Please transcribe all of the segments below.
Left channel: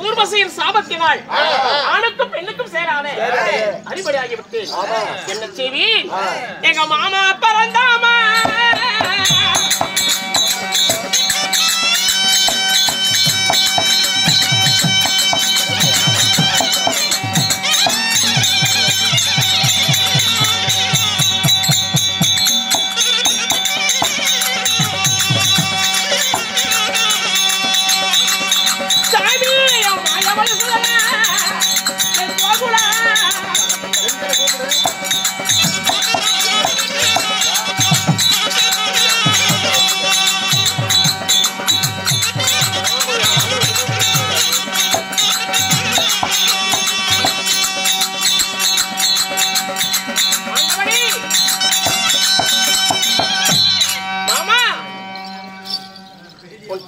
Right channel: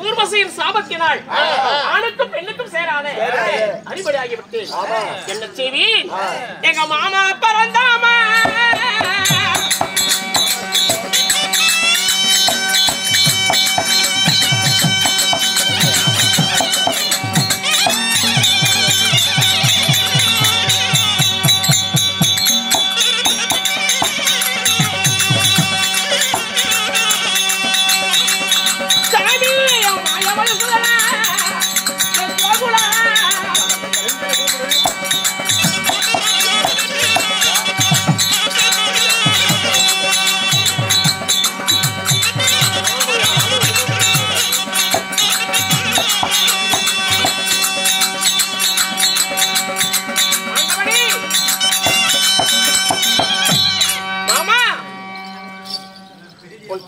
ஊர்வசியின் சாபத்தினால் ஆணுக்கும் பெண்ணுக்கும் சேராத அடிபடியாகிவிட்டு என்ன செய்வீன்? எங்க மாமா பிறந்தாமா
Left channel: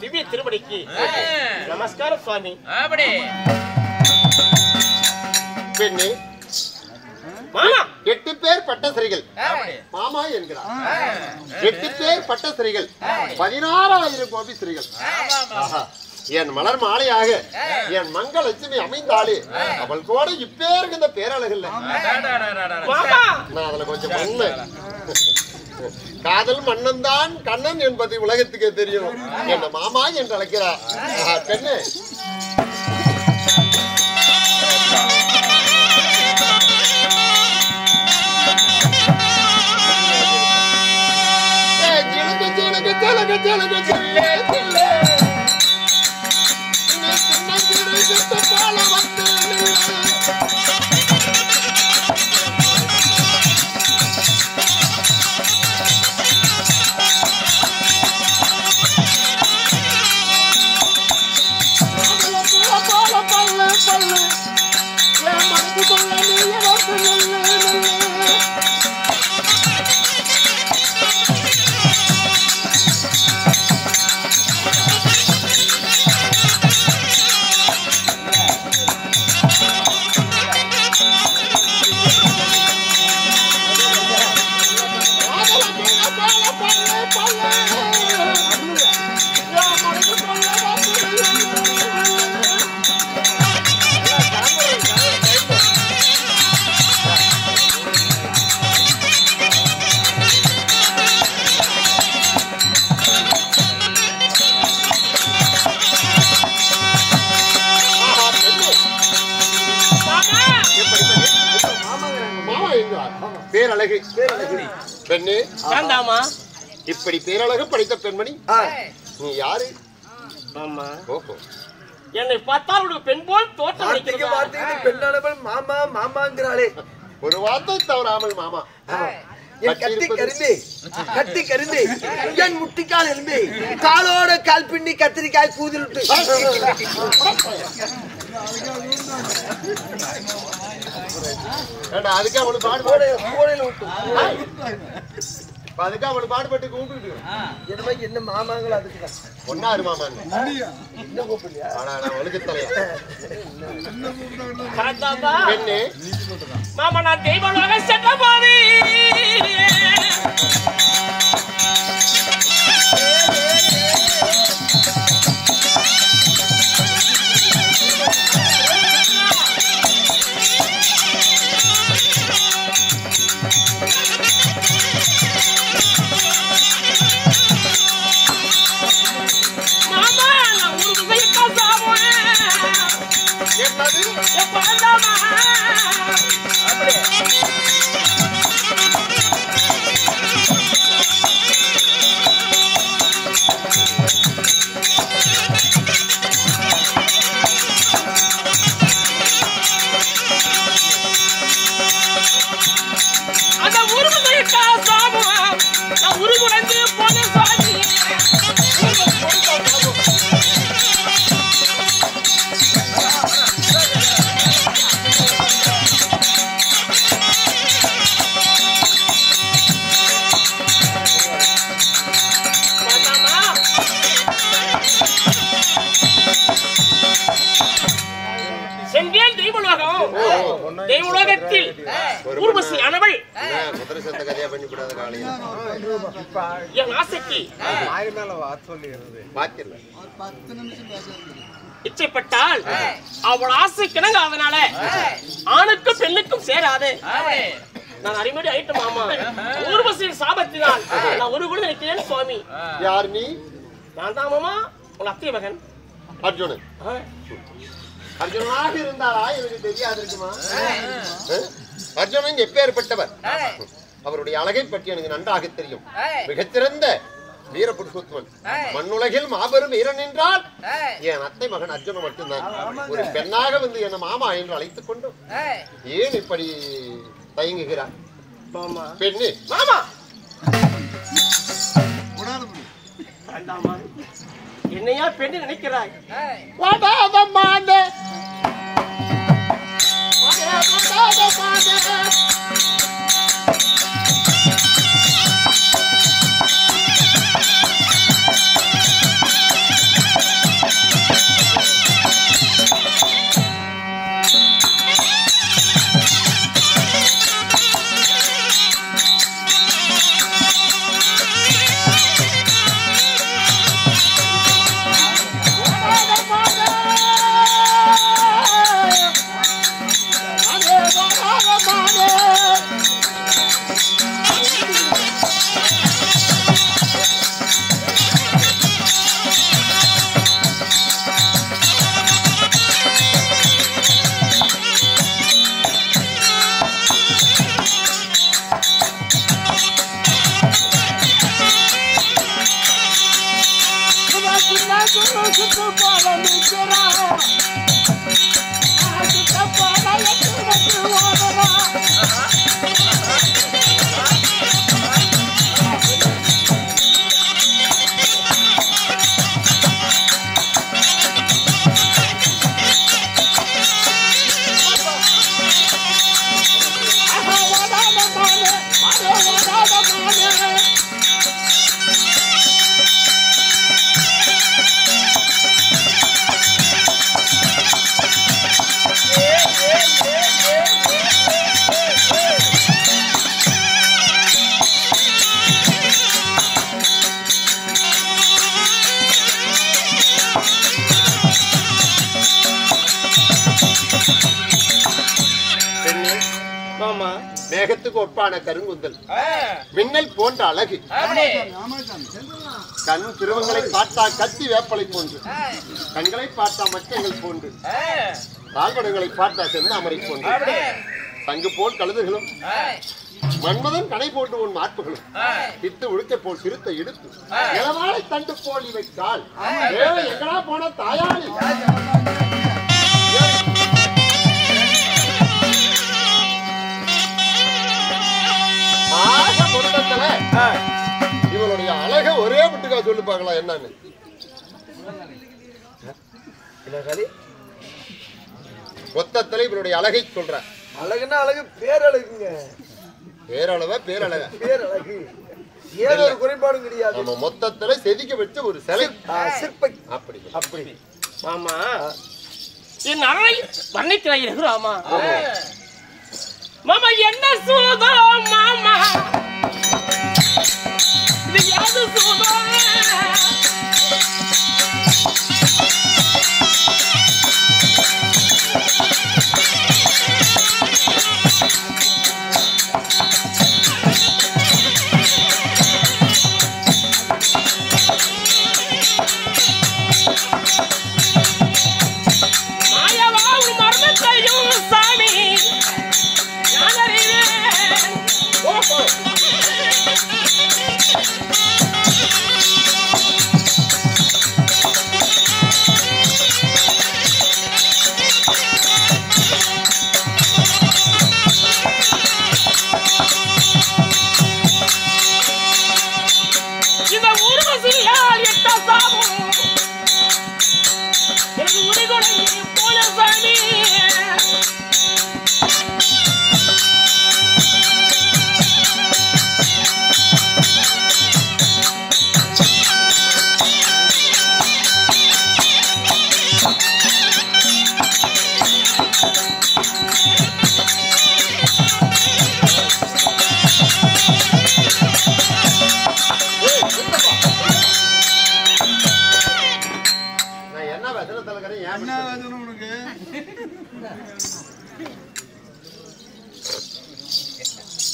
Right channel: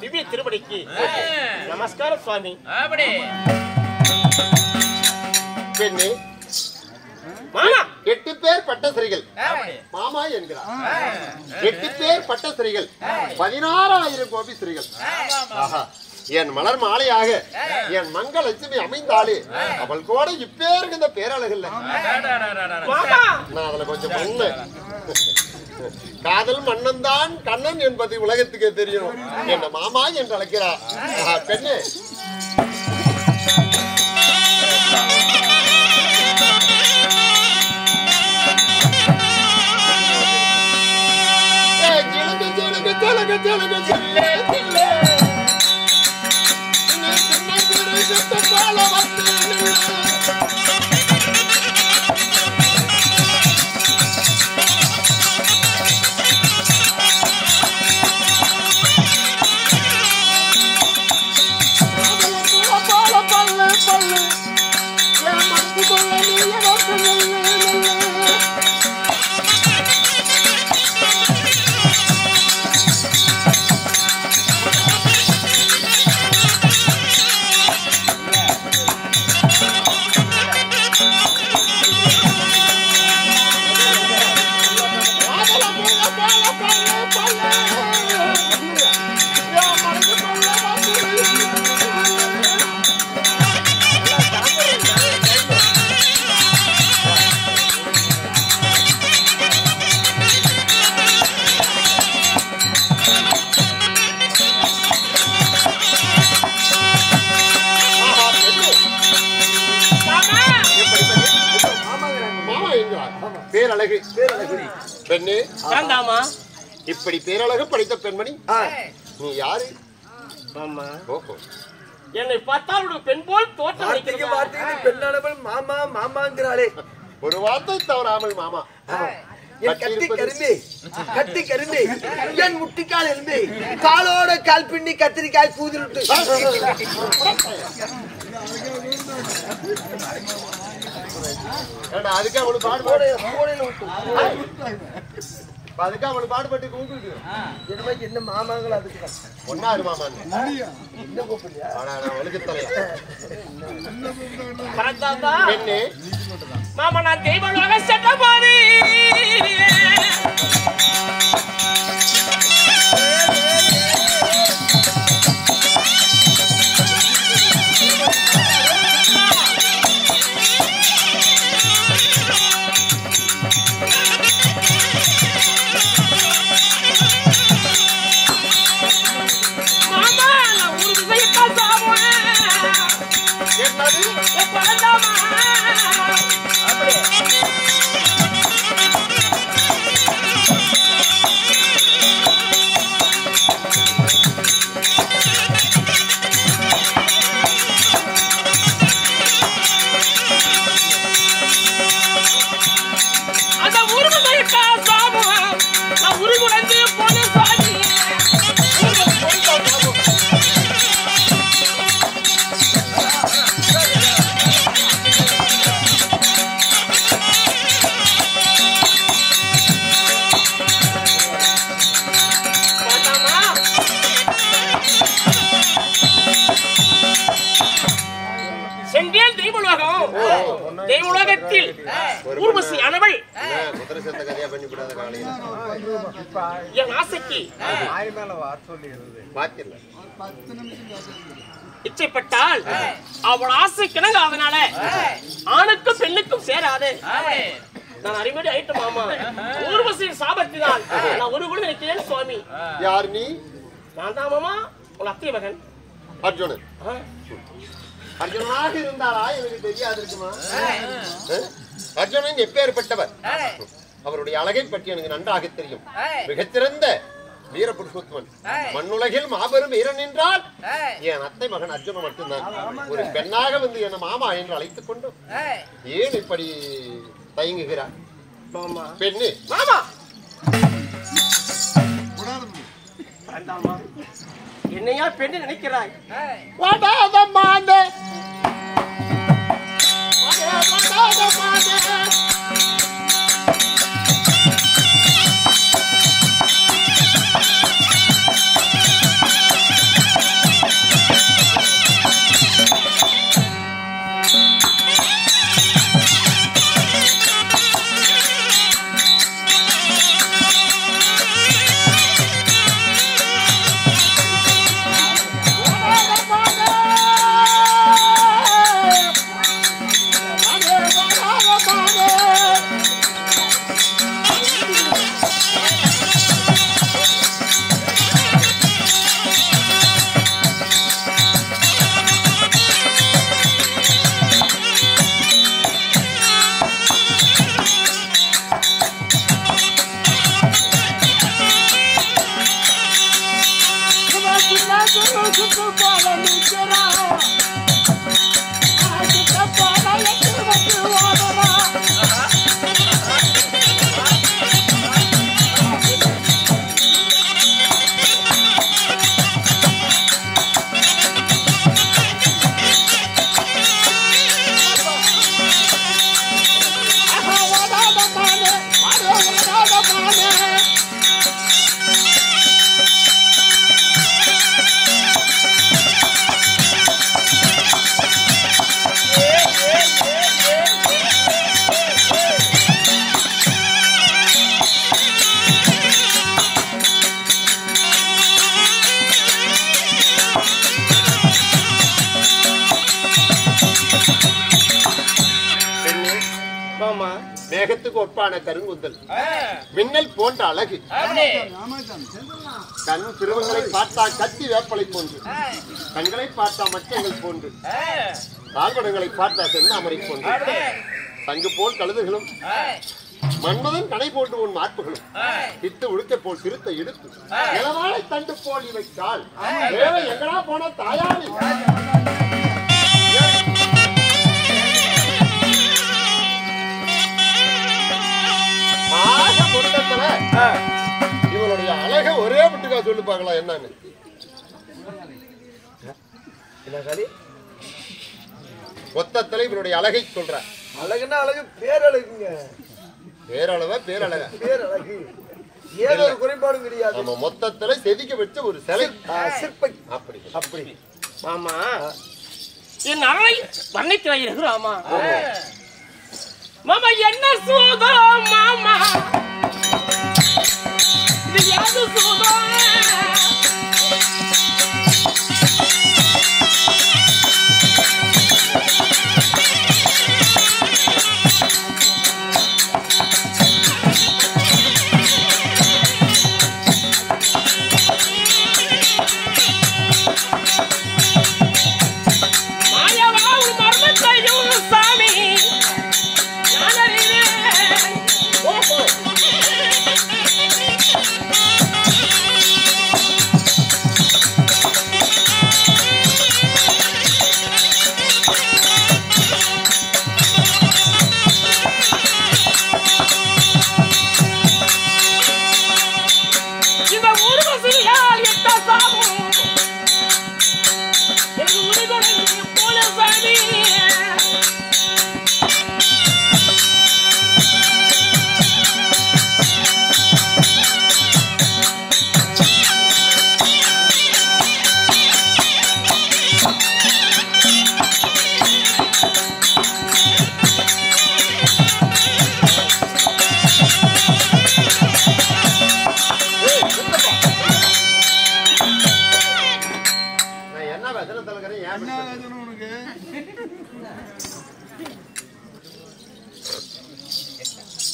திவ்ய திருப்படிக்கு நமஸ்காரம் சுவாமி. மாமா 8 பேர் பட்டசிரிகள் மாமா என்கிறார். 8 பேர் பட்டசிரிகள் 16,000 கோபி சிரிகள். என் மலர் மாலையாக என் மங்க லட்சுமி அமைந்தாலே அவள் கூட இப்பேருக்கு இந்த பேரழகில்ல. நான் அதுல கொஞ்சம் மண்ணு காதல் மன்னன்தான் கண்ணன் என்பது உலகத்துக்கே தெரியும். என்ன மாமா என்று அழைக்கிறார். பெண்ணு பேரழகு பெண்ணே இப்படி பேரழகு படைத்த பெண்மணி நீ யாரு? என்னை பார்த்தால் ஒரு பெண் போல் தோற்றம். பெண்ணானவள் மாமா மாமாங்கிறாளே. ஒரு வார்த்தை தவறாமல் மாமா. கட்டி கரும்பே என் முட்டிக்கால் இருந்து காலோட கால் பின்னி கத்திரிக்காய் கூதில் அதுக்கு அவனுக்கு பாடுபாடு அதுக்கு அவனுக்கு பாடுபட்டு கூப்பிட்டு என்ன மாமாங்களா அதுக்கு ஒன்னாரு மாமா என்ன கூப்பிடுறியா? ஆனா நான் ஒழுக்கு தலையா பெண்ணே மாமா நான் தெய்வமாக சென்ற போது தேவலோகத்தில் ஊர்வசி ஆனவள் குதிரை சத்த கதையா பண்ணி விடாத காலையில என் ஆசைக்கு பாக்கல இச்சைப்பட்டால் அவள் ஆசைக்கிணங்க அதனால ஆணுக்கும் பெண்ணுக்கும் சேராது. நான் அடிமடி ஆயிட்டு மாமா ஊர்வசியின் சாபத்தினால் நான் ஒரு குழு நினைக்கிறேன் சுவாமி. யார் நீ? நான் தான் மாமா உங்க அத்தை மகன் அர்ஜுனன். அர்ஜுனனாக இருந்தாரா எனக்கு தெரியாது இருக்குமா? அர்ஜுனன் எப்பேற்பட்டவர்? அவருடைய அழகை பற்றி எனக்கு நன்றாக தெரியும். மிகச்சிறந்த வீர புருஷோத்தமன், மண்ணுலகில் மாபெரும் வீரன் என்றால் என் அத்தை மகன் அர்ஜுனன் மட்டும்தான். ஒரு பெண்ணாக வந்து என்ன மாமா என்று அழைத்துக் கொண்டும் ஏன் இப்படி தயங்குகிறார் பெண்ணு? மாமா என்னையா பெண்ணு நினைக்கிறாய்? மேகத்துக்கு ஒப்பான கருங்குந்தல், மின்னல் போன்ற அழகு, கண் திருவங்களை பார்த்தா கத்தி வேப்பலை போன்று, கண்களை பார்த்தா மச்சங்கள் போன்று, கால்வடங்களை பார்த்தா செந்தாமரை போன்று, சங்கு போல் கழுதுகளும் மன்மதன் கடை போன்று உன் மார்புகளும், பித்து உடுக்க போல் சிறுத்த இடுப்பு, நிலவாழை தண்டு போல் இவை கால், எங்கடா போன தாயாளி இவளுடைய அழக ஒரே விட்டுக்கா சொல்லி பார்க்கலாம். என்னன்னு மொத்தத்துல இவருடைய அழகை சொல்ற. அழகுன்னா அழகு பேரழகுங்க. பேரழவ பேரழக பேரழகு ஏதோ ஒரு குறைபாடும் கிடையாது. நம்ம மொத்தத்துல செதுக்க வச்ச ஒரு சிலை சிற்ப. அப்படி அப்படி மாமா என் அழகை வர்ணிக்கிறாய் ராமா. மாமா என்ன சூதம் மாமா, இது யாது சூதம்?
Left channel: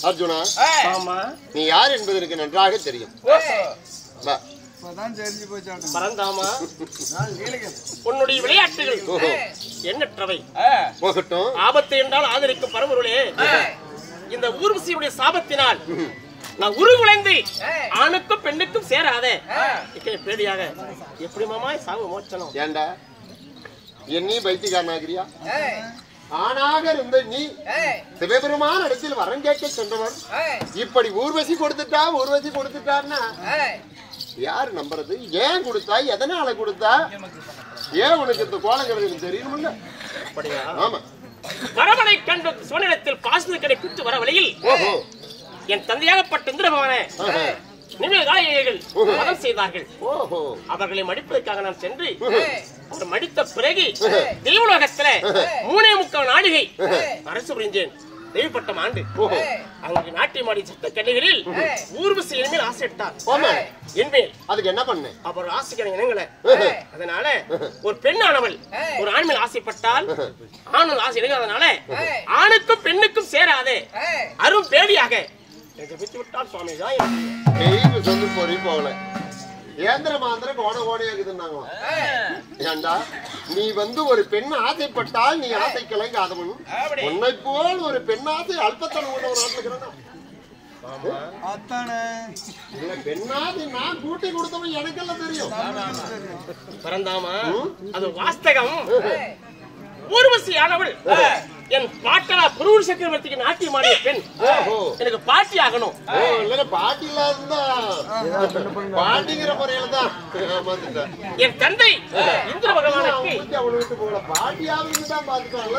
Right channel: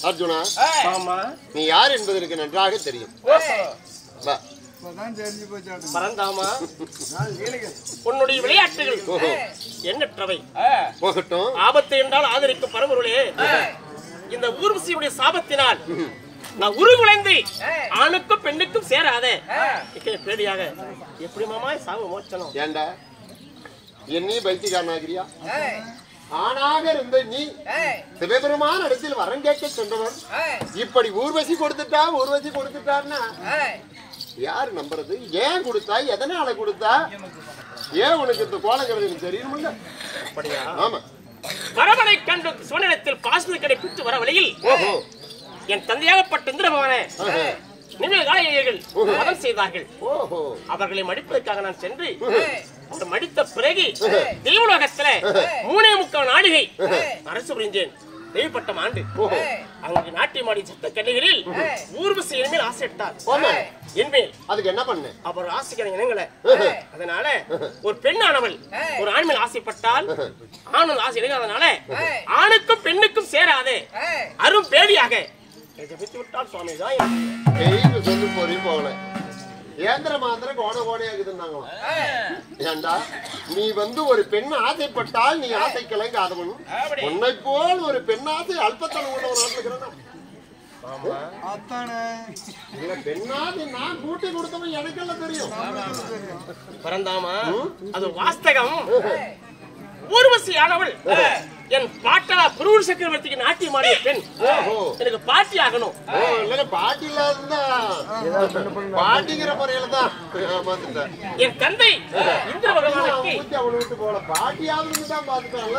அர்ஜுனா, ஆமா நீ யார் என்பது எனக்கு நன்றாக தெரியும். வா. பரந்தாமா, உன்னுடைய விளையாட்டுகள் எண்ணற்றவை. போகட்டும். ஆபத்து என்றால் ஆதரிக்கும் பரம்பொருளே, இந்த ஊர்வசியுடைய சாபத்தினால் நான் உருகுலைந்து ஆணுக்கும் பெண்ணுக்கும் சேராத பேடியாக எப்படி மாமா சாவு மோச்சனம்? ஏண்டா என்னையும் பைத்தியக்காரனாகிறியா? ஆணாக இருந்த நீ சிவபெருமான இடத்தில் வரம் கேட்க சென்றவர் இப்படி ஊர்வசி கொடுத்துட்டான்னா யாரு நம்புறது? ஏன் கொடுத்தா? எதனால கொடுத்தா? ஏன் உனக்கு இந்த கோலங்கிறது எனக்கு தெரியணும்ல? அப்படியா? ஆமா. வரவனை கண்டு சோழத்தில் பாசன கிடைப்பித்து வர வழியில் என் தந்தையாகப்பட்ட இந்திர பகவானே நினைவுகள் மதம் செய்தார்கள். அவர்களை மடிப்பதற்காக நான் சென்று அவர் மடித்த பிறகு தெய்வலோகத்துல 3.25 நாழிகை அரசு புரிஞ்சேன். தெய்வப்பட்டம் ஆண்டு அங்கு நாட்டியமாடி சத்த கண்ணிகளில் ஊர்வசி என்மேல் ஆசைட்டார். என்மேல் அதுக்கு என்ன பண்ண? அவர் ஆசைக்கிற இனங்களை அதனால ஒரு பெண்ணானவள் ஒரு ஆண் மேல் ஆசைப்பட்டால் ஆணும் ஆசை இணையாதனால ஆணுக்கும் பெண்ணுக்கும் சேராதே அரும் பேடியாக விட்டால் சுவாமி தான் சொல்லி போறீ போகல. ஏந்திர மாந்திர கோணையாக்குதுன்னாங்க. ஏண்டா நீ ஒரு பெண் ஆசைப்பட்டால் நீ ஆசை கிளங்காதவன். உன்னை போல் ஒரு பெண் ஆசை அல்பத்தனம் கொண்ட ஒரு நாட்டில் இருக்கிறான். இல்ல பெண்ணாதி நான் கூட்டி கொடுத்தவன் எனக்கெல்லாம் தெரியும். பரந்தாமா, அது வாஸ்தகம். ஊர்வசி ஆனவள் என் பாட்டா புரூர் சக்கரவர்த்திக்கு நாட்டியமாடிய பெண். எனக்கு பாட்டி ஆகணும். பாட்டி இல்லாத பாட்டிங்கிற முறையில தான் என் தந்தை இந்திர பகவானுக்கு அவளை விட்டு போல பாட்டியாவது தான் பாத்துட்டான்.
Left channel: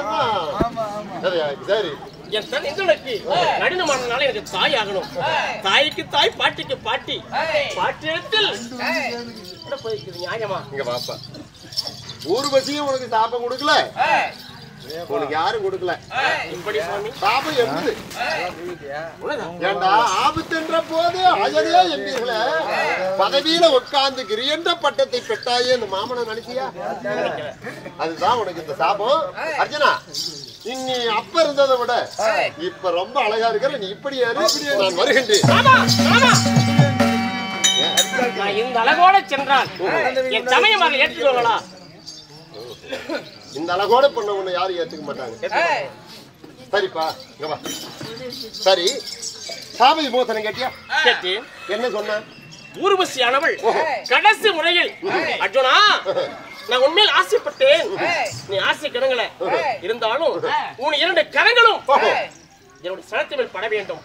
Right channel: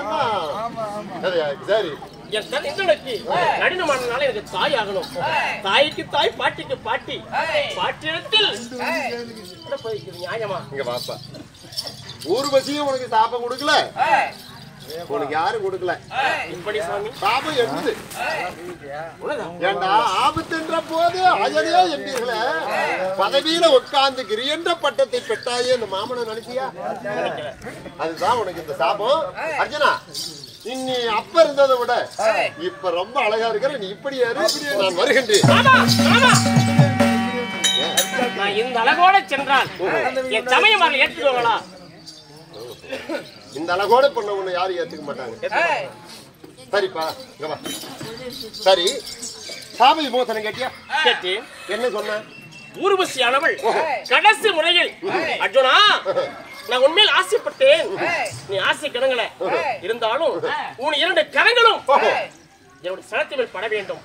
சரி, என் தந்தை இந்திரனுக்கு நடினமானதுனால எனக்கு தாய் ஆகணும். தாய்க்கு தாய், பாட்டிக்கு பாட்டி. பாட்டியத்தில் போய்க்குது நியாயமா? இங்க பாப்பா, ஊர்வசியும் உனக்கு சாப்பம் கொடுக்கல, உனக்கு யாரும் கொடுக்கல. இப்படி சுவாமி சாபம் என்னது? ஏண்டா ஆபத்துன்ற போது அழகே என்பீர்களே, பதவியில உட்கார்ந்து கிரியன்ற பட்டத்தை பெற்றாயே இந்த மாமனை நினைச்சியா? அதுதான் உனக்கு இந்த சாபம். அர்ஜுனா, நீ அப்ப இருந்ததை விட இப்ப ரொம்ப அழகா இருக்கிற. நீ இப்படி நான் வருகின்றேன். நான் இந்த அழகோட சென்றால் என் சமயம் அதை ஏற்றுக்கொள்ளலாம். இந்த அழகோட பொண்ண உன்னை யாரும் ஏத்துக்க மாட்டாங்க. சரிப்பா, சரி. சாப விமோசனம் கேட்டியா? கேட்டேன். என்ன சொன்ன? ஊர்வசியானவள் கடைசி முறையில் அர்ஜுனா, நான் உண்மையில் ஆசைப்பட்டேன். நீ ஆசை கிடங்கல இருந்தாலும் உன் 2 கரங்களும் என்னுடைய சனத்தை மேல் பட வேண்டும்.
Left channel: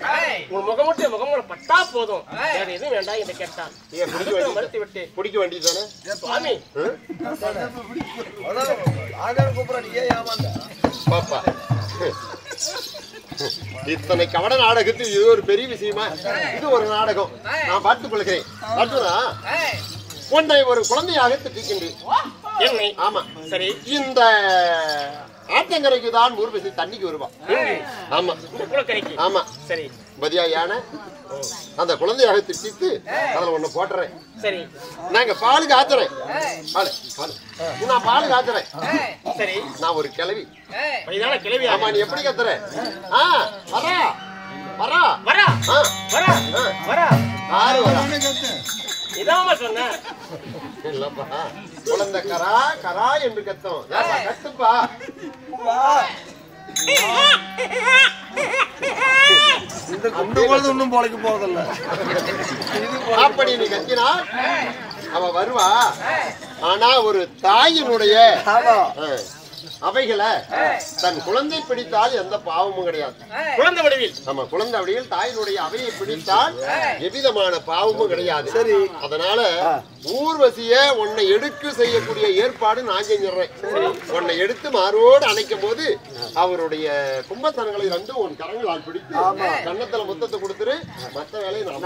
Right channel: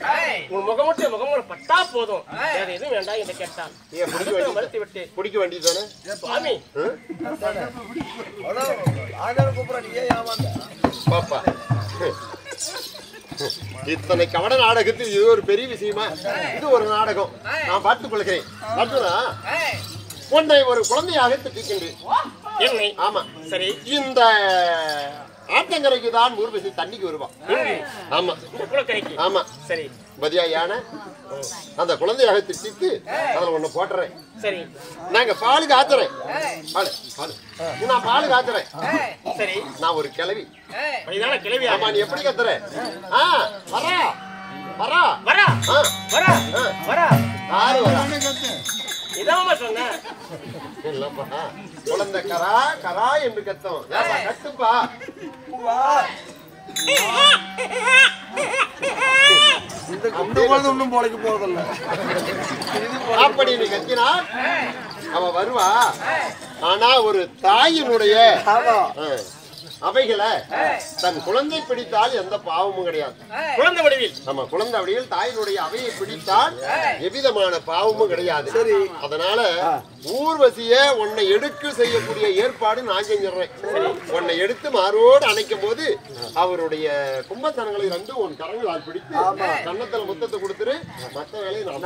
உன் முகமூட்ட பட்டா போதும், வேற எதுவும் வேண்டாம் என்று கேட்டான். மறுத்து விட்டு பிடிக்க வேண்டியதானே சுவாமி? பாப்பா, இத்தனை கவன நாடகத்தில் இது ஒரு பெரிய விஷயமா? இது ஒரு நாடகம். நான் பார்த்துக் கொள்கிறேன். அர்ஜுனா, உன்னை ஒரு குழந்தையாக திட்டிக்கின்றேன். என்னை? ஆமா, சரி. இந்த ஆற்றங்கரைக்கு தான் ஊர்வசி தண்ணிக்கு வருவான். ஆமா, குளக்கரைக்கு. ஆமா, சரி. பதியா யானை அந்த குழந்தையாக திட்டிட்டு அதுல ஒண்ணு போட்டுறேன். சரி. நாங்க பால் காய்ச்சறேன். நான் பால் காய்ச்சறேன். சரி. நான் ஒரு கிழவி. கிழவி. ஆமா, நீ எப்படி கத்துற? வரா வரா வரா வரா வரா யாரு வரா? இதாம சொன்ன இல்லப்பா, குழந்தை கரா கரா என்று கத்தும். கத்துப்பா. ஒன்னும் போலைக்கு போவதில்ல. அப்படி நீ கத்தினால் அவ வருவா. ஆனா ஒரு தாயினுடைய அவைகளை தன் குழந்தை பிடித்தால் எந்த பாவமும் கிடையாது. குழந்தை வடிவில். ஆமா, குழந்தை வடிவில் தாயினுடைய அவையை பிடித்தால் எவ்விதமான பாவமும் கிடையாது. அதனால ஊர்வசிய உன்னை எடுக்க செய்யக்கூடிய ஏற்பாடு நான் செஞ்சிடறேன். உன்னை எடுத்து மாரோடு அணைக்கும் போது அவருடைய கும்பஸ்தனங்களை 2 உன் கரங்களால் பிடித்து கன்னத்துல முத்தத்தை கொடுத்துரு. மற்ற வேலையை நான்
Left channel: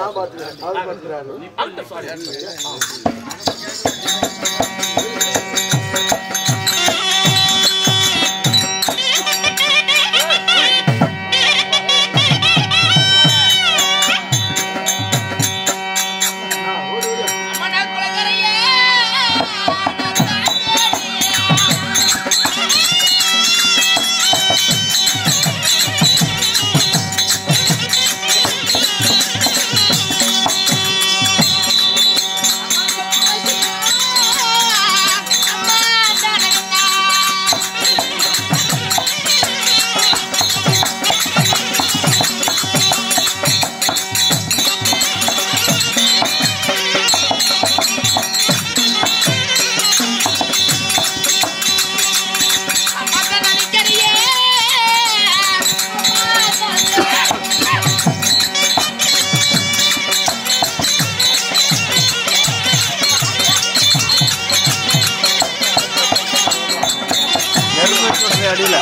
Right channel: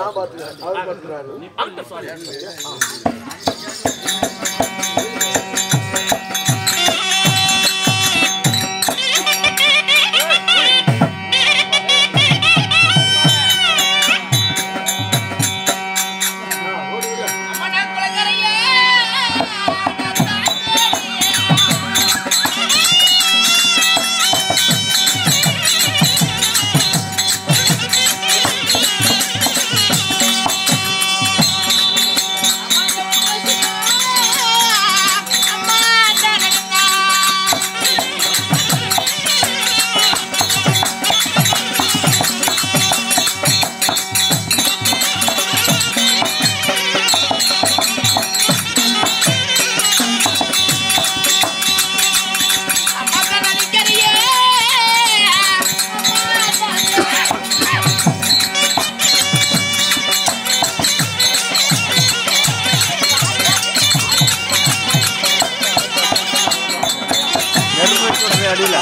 அடியில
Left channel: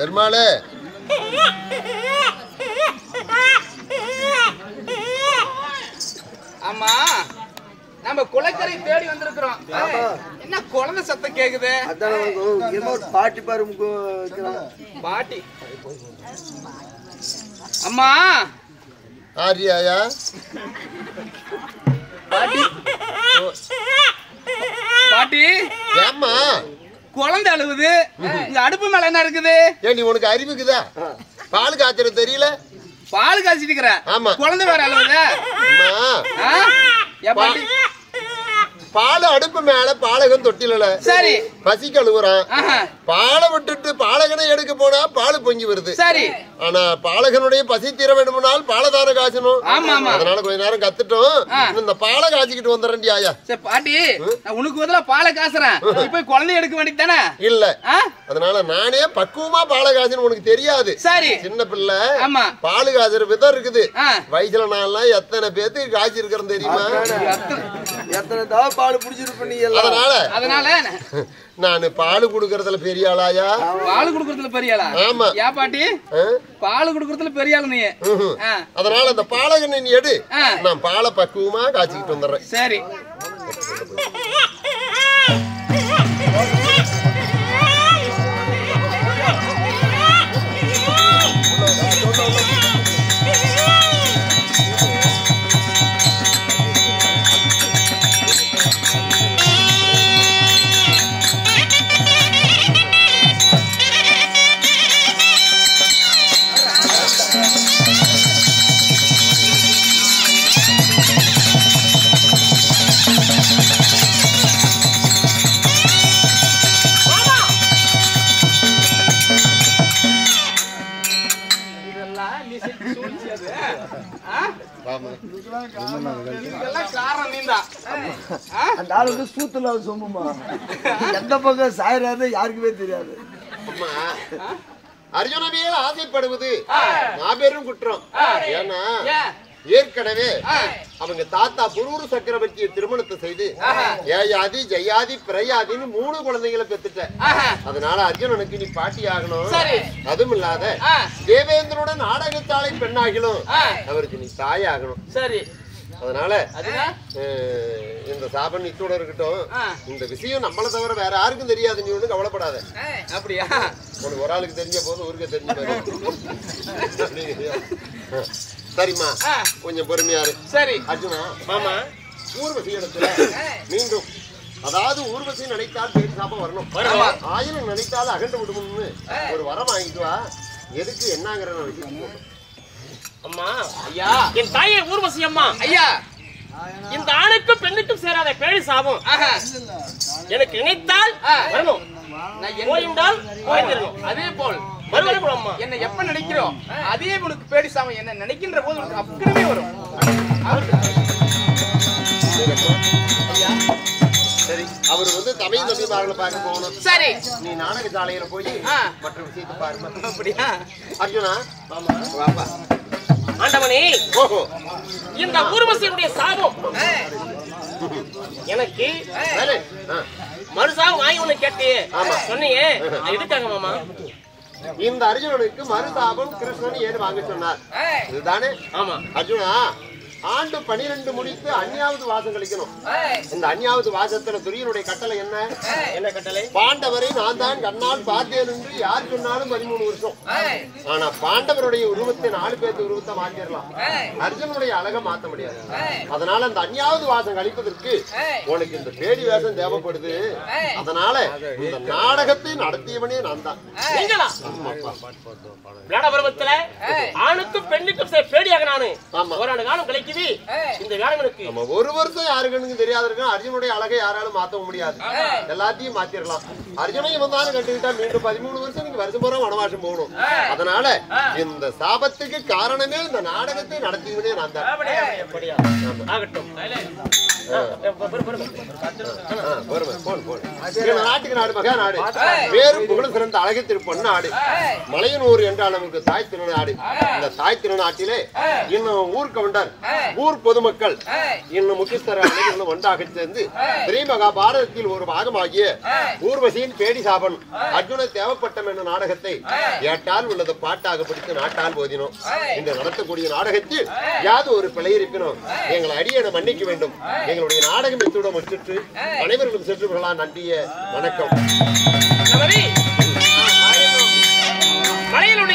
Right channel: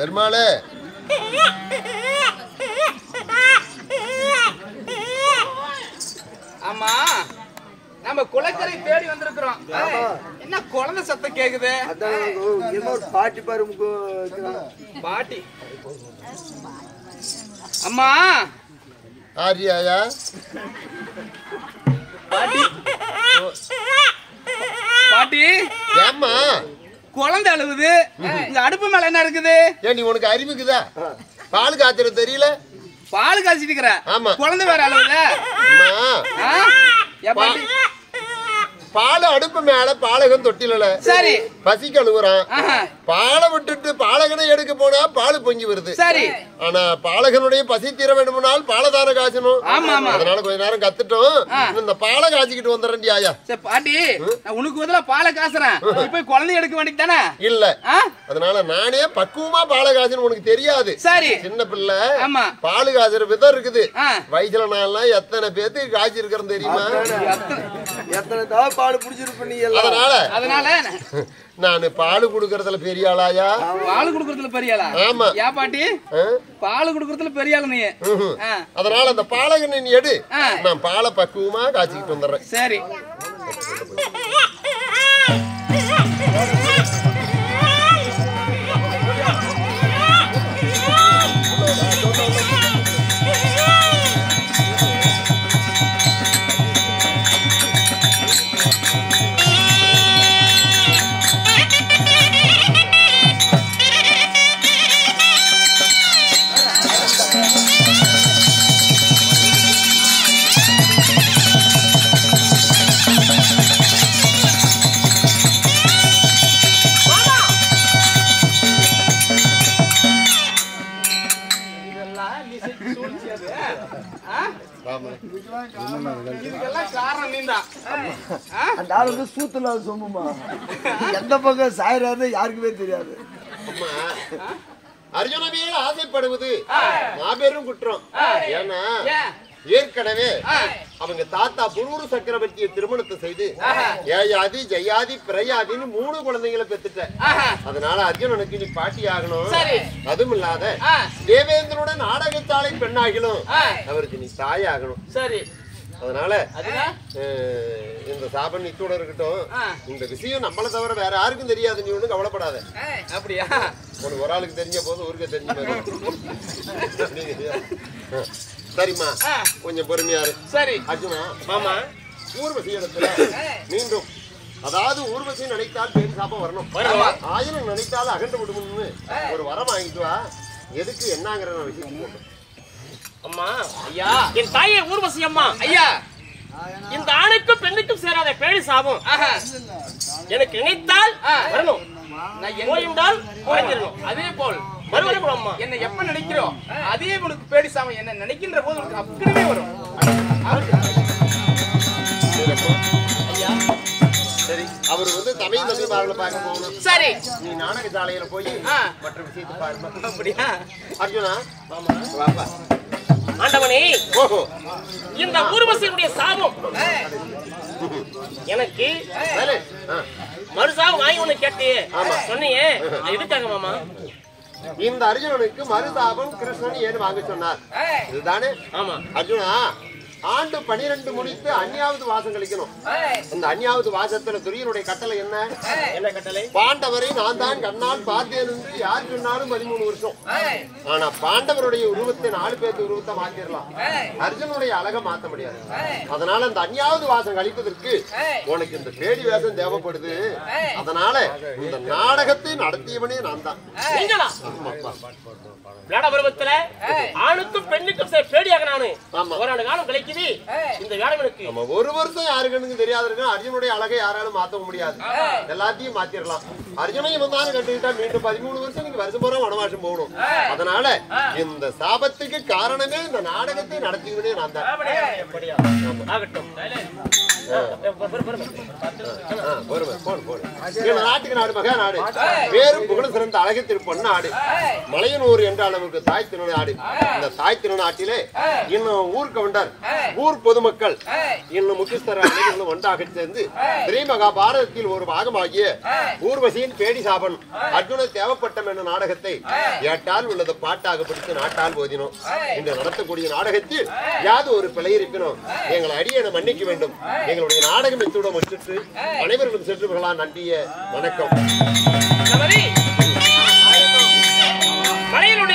பெருமாளே ஆமா நம்ம குளக்கரை தேடி வந்திருக்கிறோம். என்ன குழந்தை சத்தம் கேக்குது? பாட்டி பாரு பாட்டி. அம்மா ஆரியாயா பாட்டி பாட்டி ஏம்மா குழந்தை அழுவுது. இங்க அடுப்பு மேல என்ன இருக்குது? ஏன் நீ உனக்கு அறிவுக்குதா? பால் காய்ச்சறது தெரியல? பால் காய்ச்சிட்டு இருக்கிற. ஆமா. குழந்தை வேற அழுவுது. அம்மா ஏ பாட்டி பால் அடுப்பு மேல பாலகன் தொட்டில சரி பசி கழுவுறான். பாலை விட்டுட்டு பாலகனை எடுக்க போனா பால் பொங்கி வருது. சரி. ஆனா பாலகனுடைய பசி தீர வேண்டுமானால் பாலதார காய்ச்சணும். ஆமா ஆமா. அதனால கொஞ்ச நேரம் கத்துட்டோம். இந்த பாலை காய்ச்சிக்கிட்டு வந்துடுறேன் ஆயா. சரி பாட்டி நான் உனக்கு பதிலா பாலை காசுறேன். இப்ப குழந்தை எடுக்க வேண்டியது தானே? இல்ல அதனால நானே பக்குவமா பாலை காய்ச்சணும். உனக்கு தெரியாது. சரி சின்ன பிள்ளை. ஆமா பால் காய்ச்சற விதம் இருக்குது. வயசுல நான்லாம் எத்தனை பேத்துக்கு காய்ச்சி இருக்கிறேன் தெரியுமா? எத்தனை தடவை பாடு புடிச்சிருப்ப நீ எல்லாம். அதனால நானு பால் குடுக்கறதுல பெரிய ஆளாயா? பால் குடுக்கறதுல பெரிய ஆளா? ஆமா. ஏ பாட்டி பால் குடுக்கறதுல பெரிய ஆளு நீ. அதனால அந்த பாலகனை நீ எடு. நான் பாலை பக்குவமா காய்ச்சிக்கிட்டு வந்துடுறேன். சரி அந்த ஆளு சூத்துல சொம்முமா எந்த பக்கம் சாயிராரு யாருக்குமே தெரியாது. அர்ஜுன மேல ஆசைப்படுவது மாபெரும் குற்றம். ஏன்னா ஏற்கனவே அவங்க தாத்தா புரூரு சக்கரவர்த்தியை திருமணத்தை செய்து ஏயாதி ஜெயாதி பிரயாதின்னு 3 குழந்தைகளை பெத்துட்ட. அதனால அர்ஜுனனுக்கு நீ பாட்டி ஆகணும். அதுவும் இல்லாத தேவேந்திரோட நாடகத்தாளை பெண்ணாகிலும் அவருக்கு நீ தாய் ஆகணும். சரி அதனால இந்த சாபன் இத்தோட இருக்கட்டும். இந்த விஷயம் நம்மள தவிர வேற யாருக்கும் தெரியாது. நீ ஒண்ணும் கவலைப்படாத. அப்படியா? உனக்கு ஒரு ஆளுக்கு தெரிஞ்ச போது ஊருக்கு தெரிஞ்ச சரிம்மா கொஞ்சம் பொறுமையாரு. சரி அர்ஜுனா மாமா ஊர்வசி இடத்துல மீண்டும் அதாவது ஊர்வசி நினைத்தால் பேர் சாப்பம் வரணும். ஆயிரம் நினைத்தால் அகண்டு விடுமுன்னு ஒரு வரம் வாங்கிட்டு வா. எதுக்கு என்னங்கிற விஷயம் அம்மா ஐயா என் தாயை ஊர்வசி அம்மா ஐயா இந்த ஆணுக்கும் பெண்ணுக்கும் சேராத பேழி சாபம் எனக்கு நினைத்தால் வரணும். போயிருந்தால் போயிருக்கணும். அதே போல் மறுபடியும் அம்மா என்ன எப்ப நினைக்கிறோம் அதே உனக்கு பேடி சாமம் என்ன நினைக்கின்ற போது உனக்கு அப்படியே வரும். ஐயா சரி அவர் வந்து தமிழ் தம்பிமார்களை பார்க்க போகணும். சரி நீ நாடக சாலையில போய் மற்ற விஷயத்தை பாருமா. அப்படியா? அர்ஜுனா வாப்பா. ஆண்டவனே ஓஹோ இந்த ஊர்வசியுடைய சாபம் எனக்கு மறுசாபம் வாங்கி ஒண்ணு கேட்டு சொன்னீங்க. எதுக்காக மாமா? இந்த அர்ஜுனனுக்கு மறுதாபம் கிருஷ்ணன் ஏன் வாங்க சொன்னார் இதுதானே? ஆமா அர்ஜுனா ஆண்டு 12 முடித்து அந்யாவது வாசம் கழிக்கணும். இந்த அந்யாவது வாசத்துல துரியனுடைய கட்டளை என்ன? என்ன கட்டளை? பாண்டவரை நான் தான் கண்ணால் பார்த்தேன் என்று யார் சொன்னாலும் 13 வருஷம். ஆனா பாண்டவருடைய உருவத்தை 4 பேருக்கு உருவத்தை மாத்திரலாம். அர்ஜுனுடைய அழகை மாத்த முடியாது. அதனால இந்த அந்யாவது வாசம் கழிப்பதற்கு உனக்கு இந்த பேடி வேஷம் தேவைப்படுது. அதனால இந்த நாடகத்தை நடத்தியவனே நான் தான். விளையாட பருவத்துல ஆணுக்கும் பெண்ணுக்கும் பேடியாக நானு ஆமா. ஒரு காலம் கிடைக்குது. இந்த காலம் எனக்கு நம்ம ஒரு வருஷம் யாருக்குன்னு தெரியாத இருக்கும். அர்ஜுனுடைய அழகை யாராலும் மாத்த முடியாது. எல்லாத்தையும் மாத்திரலாம். அர்ஜுனையும் வந்தாலும் கண்டுக்கிட்டா மீண்டும் 13 வருஷம் நீங்க வருஷம் பூரா வனவாசம் போகணும். அதனால இந்த சாபத்துக்கு காரணமே இந்த நாடகத்தை நடத்திக்கிட்டே நான் தான். ஆகட்டும். நாட்டுக்கு நாடு மகா நாடு வேறும் புகழும் சிறந்த அழகு திருப்பொன் நாடு மலையனூர் என்றால் நமக்கு தாய் திருநாடு. இந்த தாய் திருநாட்டிலே இன்னும் ஊர் கவுண்டர் ஊர் பொதுமக்கள் இன்னும் முக்கியஸ்தர அனைவர்களும் ஒன்றாக சேர்ந்து ஸ்ரீ மகாபாரதத்தில் ஒரு பாகமாகிய ஊர்வசியின் பேடி சாபன் அர்ஜுன தேவப்பட்டம் என்ற நாடகத்தை ஏட்டால் உள்ளது பாட்டாக பிடித்து நாட்டால் போதினோம். இன்று நடத்தக்கூடிய நாடகத்தில் யாது ஒரு பிழை இருப்பினோம் எங்களை அடியென மன்னிக்க வேண்டும். எங்களுடைய நாடகம் இத்துடன் முடிச்சுட்டு அனைவர்களும் சென்று நன்றிய வணக்கம்.